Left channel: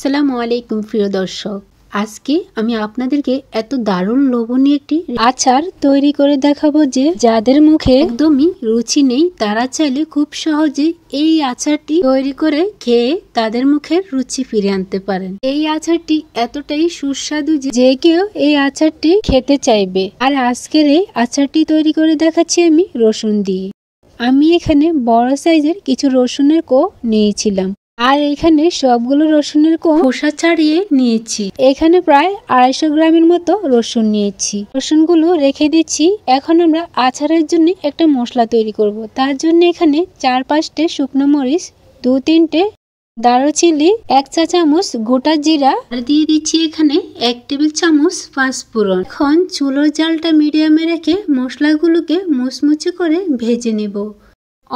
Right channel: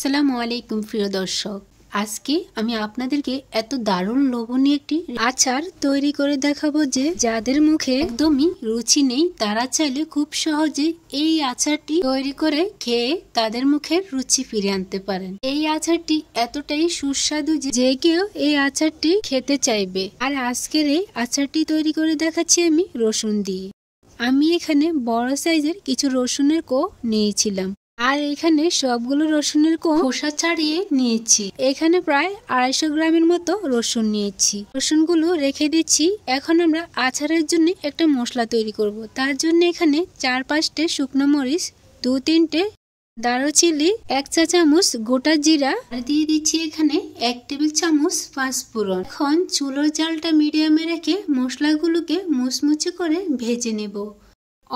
আসসালামু আলাইকুম প্রিয় দর্শক, আজকে আমি আপনাদেরকে এত দারুণ লোভনীয় একটি আচার তৈরি করে দেখাবো যে যাদের মুখে একদমই রুচি নেই তারা চাইলে খুব সহজে এই আচারটি তৈরি করে খেয়ে তাদের মুখের রুচি ফিরে আনতে পারেন। এই আচারটি এতটাই সুস্বাদু যে কেউ এই আচারটি খেতে চাইবে। আর আজকের এই আচারটি তৈরি করে দেখাচ্ছি আমি রসুন দিয়ে। আমি এখানে বড় সাইজের কিছু রসুনের কোয়া নিয়েছিলাম আর এখানে সবগুলো রসুনের খোসা ছাড়িয়ে নিয়েছি। এখানে প্রায় 250 গ্রামের মতো রসুন নিয়েছি। রসুনগুলো রেখে দিচ্ছি। এখন আমরা আচারের জন্য একটা মশলা তৈরি করব। তার জন্য এখানে 4-5টে শুকনো মরিচ, 2-3টে দারুচিনি, 1 চা চামচ গোটা জিরা আর দিয়ে দিচ্ছি এখানে 1 টেবিল চামচ পাঁচফোড়ন। এখন চুলোর জালটা মিডিয়ামে রেখে মশলাগুলোকে মুচমুচে করে ভেজে নেব।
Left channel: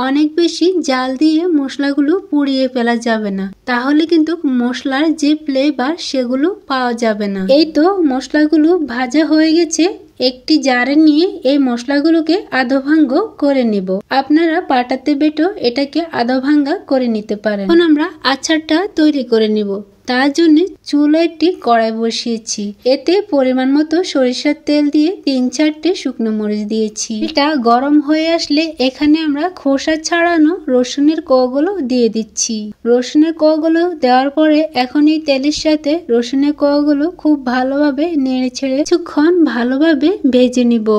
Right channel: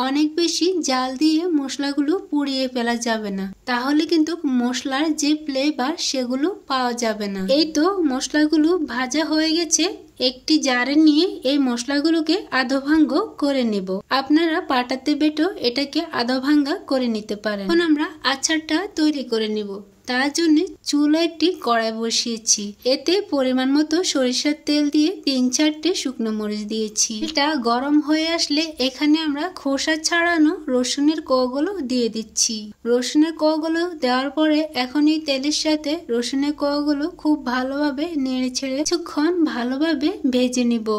অনেক বেশি জাল দিয়ে মশলাগুলো পুড়িয়ে ফেলা যাবে না, তাহলে কিন্তু মশলার যে ফ্লেভার সেগুলো পাওয়া যাবে না। এই তো মশলাগুলো ভাজা হয়ে গেছে। একটি জারে নিয়ে এই মশলাগুলোকে আধা ভাঙ্গা করে নিব। আপনারা পাটাতে বেটেও এটাকে আধা ভাঙ্গা করে নিতে পারেন। এখন আমরা আচারটা তৈরি করে নিব। তার জন্য চুলায় একটি কড়াই বসিয়েছি। এতে পরিমাণ মতো সরিষার তেল দিয়ে 3-4টে শুকনো মরিচ দিয়েছি। এটা গরম হয়ে আসলে এখানে আমরা খোসা ছাড়ানো রসুনের কোয়াগুলো দিয়ে দিচ্ছি। রসুনের কোয়াগুলো দেওয়ার পরে এখন এই তেলের সাথে রসুনের কোয়াগুলো খুব ভালোভাবে নেড়ে ছেড়ে কিছুক্ষণ ভালোভাবে ভেজে নিব।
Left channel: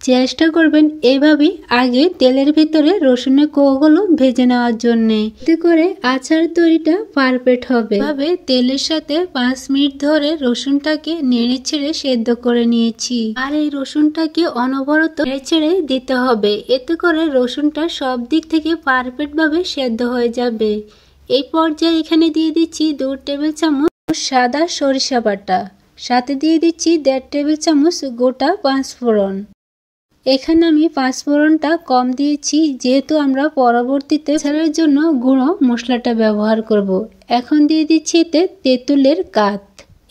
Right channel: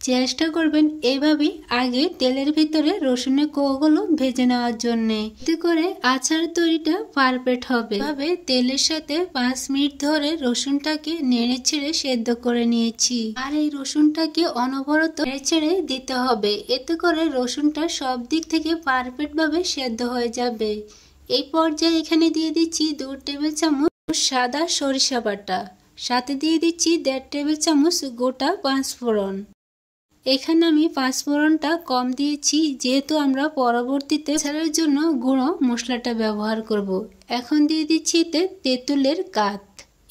চেষ্টা করবেন এভাবে আগে তেলের ভিতরে রসুনের কোয়াগুলো ভেজে নেওয়ার জন্য, এতে করে আচার তৈরিটা পারফেক্ট হবে। এভাবে তেলের সাথে 5 মিনিট ধরে রসুনটাকে নেড়ে ছেড়ে সেদ্ধ করে নিয়েছি। আর এই রসুনটাকে অনবরত নেড়ে ছেড়ে দিতে হবে, এতে করে রসুনটা সব দিক থেকে পারফেক্ট ভাবে সেদ্ধ হয়ে যাবে। এই পর্যায়ে এখানে দিয়ে দিচ্ছি 2 টেবিল চামচ সাদা সরিষা বাটা, সাথে দিয়ে দিচ্ছি 1.5 টেবিল চামচ গোটা পাঁচফোড়ন। এখানে আমি পাঁচফোড়নটা কম দিয়েছি যেহেতু আমরা পরবর্তীতে আচারের জন্য গুঁড়ো মশলাটা ব্যবহার করব। এখন দিয়ে দিচ্ছি এতে তেঁতুলের কাঠ।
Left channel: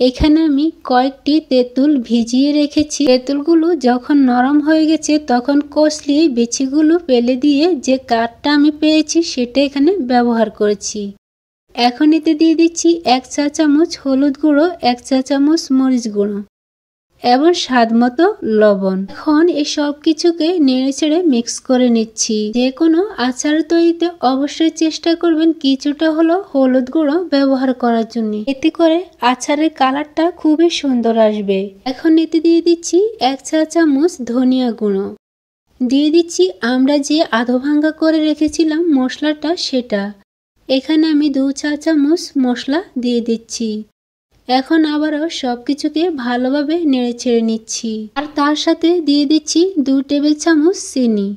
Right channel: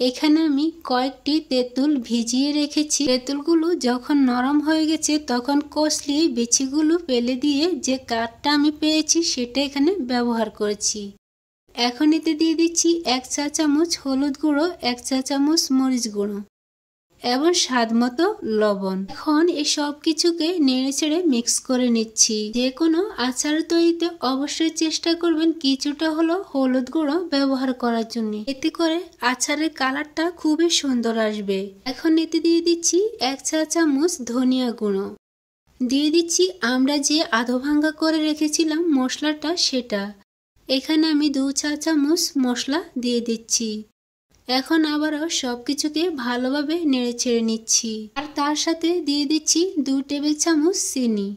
এখানে আমি কয়েকটি তেঁতুল ভিজিয়ে রেখেছি। তেঁতুলগুলো যখন নরম হয়ে গেছে তখন কষলিয়ে বিচিগুলো ফেলে দিয়ে যে কাঠটা আমি পেয়েছি সেটা এখানে ব্যবহার করেছি। এখন এতে দিয়ে দিচ্ছি 1 চা চামচ হলুদ গুঁড়ো, 1 চা চামচ মরিচ গুঁড়ো এবং স্বাদ মতো লবণ। এখন এই সব কিছুকে নেড়ে ছেড়ে মিক্স করে নিচ্ছি। যে কোনো আচার তৈরিতে অবশ্যই চেষ্টা করবেন কিছুটা হলো হলুদ গুঁড়ো ব্যবহার করার জন্য, এতে করে আচারের কালারটা খুবই সুন্দর আসবে। এখন এতে দিয়ে দিচ্ছি 1 চা চামচ ধনিয়া গুঁড়ো, দিয়ে দিচ্ছি আমরা যে আধা ভাঙ্গা করে রেখেছিলাম মশলাটা সেটা। এখানে আমি 2 চা চামচ মশলা দিয়ে দিচ্ছি। এখন আবারও সবকিছুকে ভালোভাবে নেড়ে ছেড়ে নিচ্ছি। আর তার সাথে দিয়ে দিচ্ছি 2 টেবিল চামচ চিনি।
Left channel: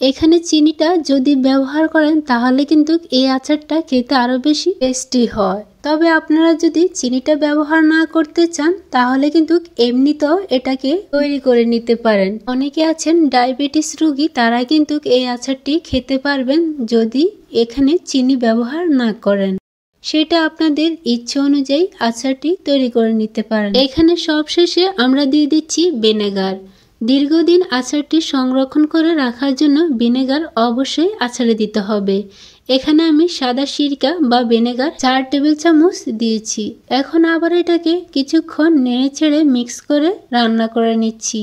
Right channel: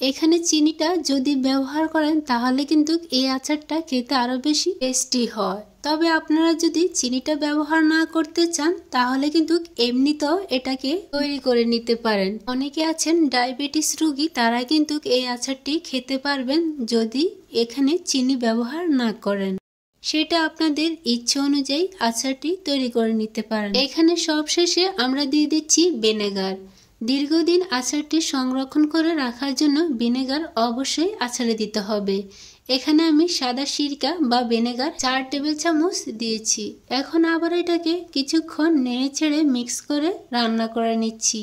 এখানে চিনিটা যদি ব্যবহার করেন তাহলে কিন্তু এই আচারটা খেতে আরো বেশি টেস্টি হয়। তবে আপনারা যদি চিনিটা ব্যবহার না করতে চান তাহলে কিন্তু এমনিতেও এটাকে তৈরি করে নিতে পারেন। অনেকে আছেন ডায়াবেটিস রোগী, তারা কিন্তু এই আচারটি খেতে পারবেন যদি এখানে চিনি ব্যবহার না করেন। সেটা আপনাদের ইচ্ছে অনুযায়ী আচারটি তৈরি করে নিতে পারেন। এখানে সবশেষে আমরা দিয়ে দিচ্ছি ভিনেগার। দীর্ঘদিন আচারটি সংরক্ষণ করে রাখার জন্য ভিনেগার অবশ্যই আচারে দিতে হবে। এখানে আমি সাদা সিরকা বা ভিনেগার 4 টেবিল চামচ দিয়েছি। এখন আবার এটাকে কিছুক্ষণ নেড়ে ছেড়ে মিক্স করে রান্না করে নিচ্ছি।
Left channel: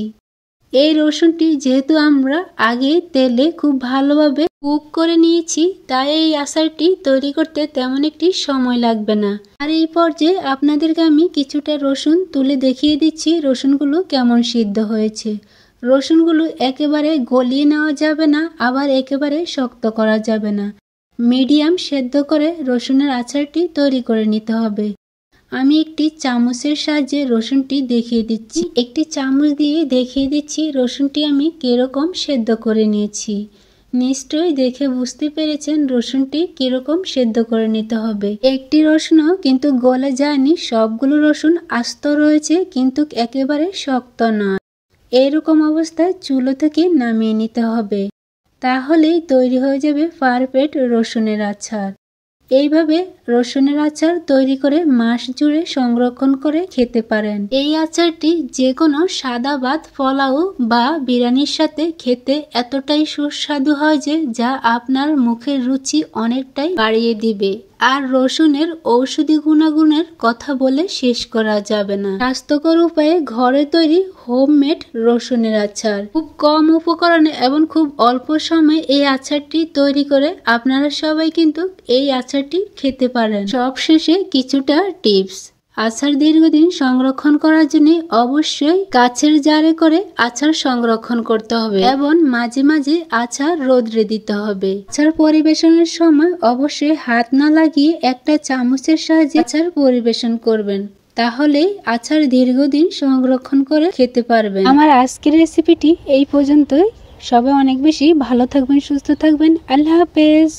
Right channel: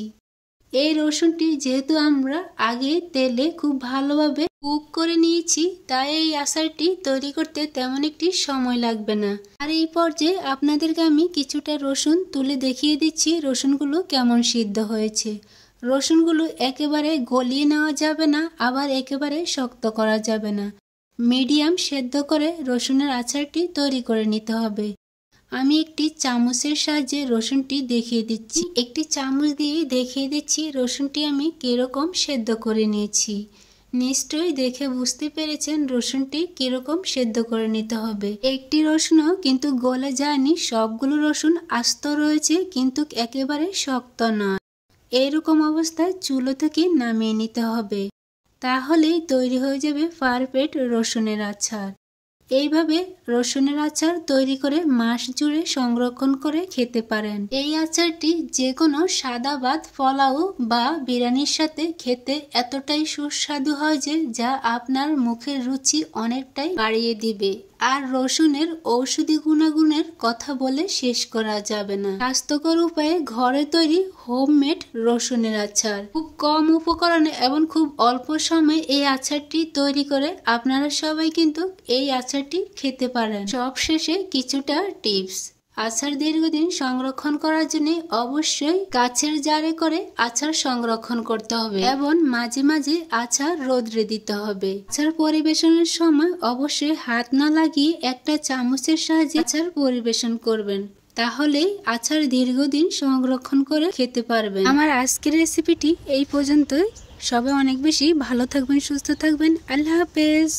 এই রসুনটি যেহেতু আমরা আগে তেলে খুব ভালোভাবে কুক করে নিয়েছি তাই এই আচারটি তৈরি করতে তেমন একটি সময় লাগবে না। আর এই পর্যায়ে আপনাদেরকে আমি কিছুটা রসুন তুলে দেখিয়ে দিচ্ছি রসুনগুলো কেমন সিদ্ধ হয়েছে। রসুনগুলো একেবারে গলিয়ে নেওয়া যাবে না, আবার একেবারে শক্ত করা যাবে না, মিডিয়াম সেদ্ধ করে রসুনের আচারটি তৈরি করে নিতে হবে। আমি একটি চামচের সাহায্যে রসুনটি দেখিয়ে দিচ্ছি। একটি চামচ দিয়ে দেখিয়ে দিচ্ছি রসুনটি আমি কিরকম সেদ্ধ করে নিয়েছি। নিশ্চয়ই দেখে বুঝতে পেরেছেন রসুনটি কিরকম সেদ্ধ করে নিতে হবে। একটি রসুনও কিন্তু গলে যায়নি, সবগুলো রসুন আস্ত রয়েছে কিন্তু একেবারে শক্ত নয়। এরকম অবস্থায় চুলো থেকে নামিয়ে নিতে হবে, তাহলেই তৈরি হয়ে যাবে পারফেক্ট রসুনের আচার। এইভাবে রসুনের আচার তৈরি করে মাস জুড়ে সংরক্ষণ করে খেতে পারেন। এই আচারটি যে কোনো সাদা ভাত, পোলাও বা বিরিয়ানির সাথে খেতে এতটাই সুস্বাদু হয় যে যা আপনার মুখের রুচি অনেকটাই বাড়িয়ে দিবে। আর রসুনের ঔষধি গুণাগুণের কথা বলে শেষ করা যাবে না। স্বাস্থ্যকর উপায়ে ঘরে তৈরি হোমমেড রসুনের আচার, খুব কম উপকরণে এবং খুব অল্প সময়ে এই আচারটি তৈরি করে আপনারা সবাই কিন্তু এই আচারটি খেতে পারেন। সবশেষে কিছুটা টিপস। আচার দীর্ঘদিন সংরক্ষণ করার জন্য অবশ্যই কাচের জারে করে আচার সংরক্ষণ করতে হবে এবং মাঝে মাঝে আচার রোদ্রে দিতে হবে। আচার পরিবেশনের সময় অবশ্যই হাত না লাগিয়ে একটা চামচের সাহায্যে আচার পরিবেশন করবেন, তাহলে আচার দীর্ঘদিন সংরক্ষণ করে খেতে পারবেন। আমার আজকের রেসিপিটি এই পর্যন্তই। সবাই অনেক বেশি ভালো থাকবেন, সুস্থ থাকবেন। আল্লাহ হাফেজ।